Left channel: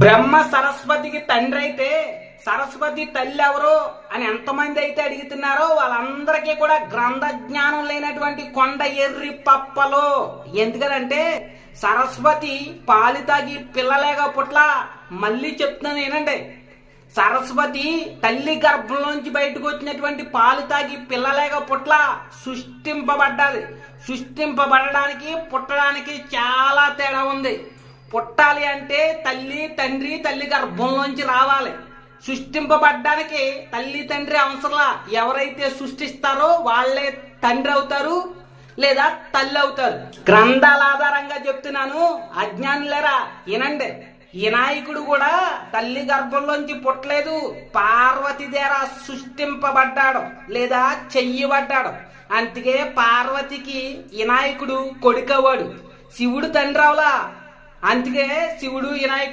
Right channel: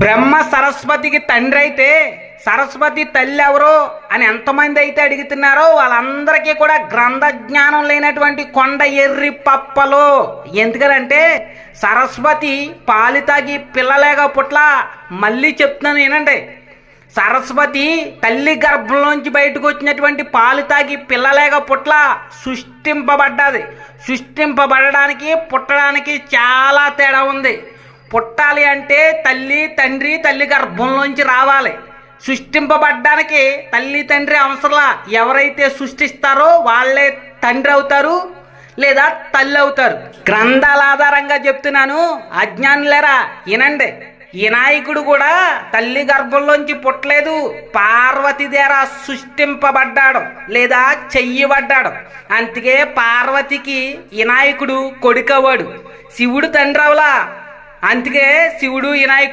బ్రహ్మ సరస్వతికి తండ్రి అయితే సరస్వతి తల్లి ఎవరు అని ఎంతమంది అయితే అడుగుతున్నారో వాళ్ళందరికీ కూడా గ్రంథ జ్ఞానం లేనటువంటి కొండ ఎర్రి పప్పలు. ఎందుకంటే సరస్వతి పాలు తాగి పిల్లలేగా పుట్ల. మళ్ళీ చెప్తున్నాను ఏనండి, సరస్వతి తల్లి గర్భంలోంచి బయటకు వచ్చినటువంటి పాలు తాగి పిల్లలేగా పుట్ల. సృష్టింపబడ్డది. సృష్టింపబడడానికి పుట్టడానికి చాలా తేడా ఉంది. పుట్టాలి అంటే తల్లి తండ్రి తల్లి గర్భంలోంచి రావాలి. సృష్టింపబడ్డానికి తల్లి తండ్రి అవసరంలా. ఎవరైతే సృష్టిస్తారో వాళ్ళే తండ్రి అవుతారు లేదా తల్లి అవుతారు. గ్రంథాల ఆధారంగా చెప్తున్నాను, అజ్ఞానులేరా వినండి. వినాయకుడు కూడా తల్లి గర్భంలోంచి పుట్టలేదు, పార్వతి ద్వారా సృష్టింపబడ్డాడు లేదా చెయ్యబడ్డాడు. అందుకే పార్వతికి వినాయకుడు కొడుకవాడు, శివుడు తండ్రి అవలా. అందుకే శివుడు వినాయకుడు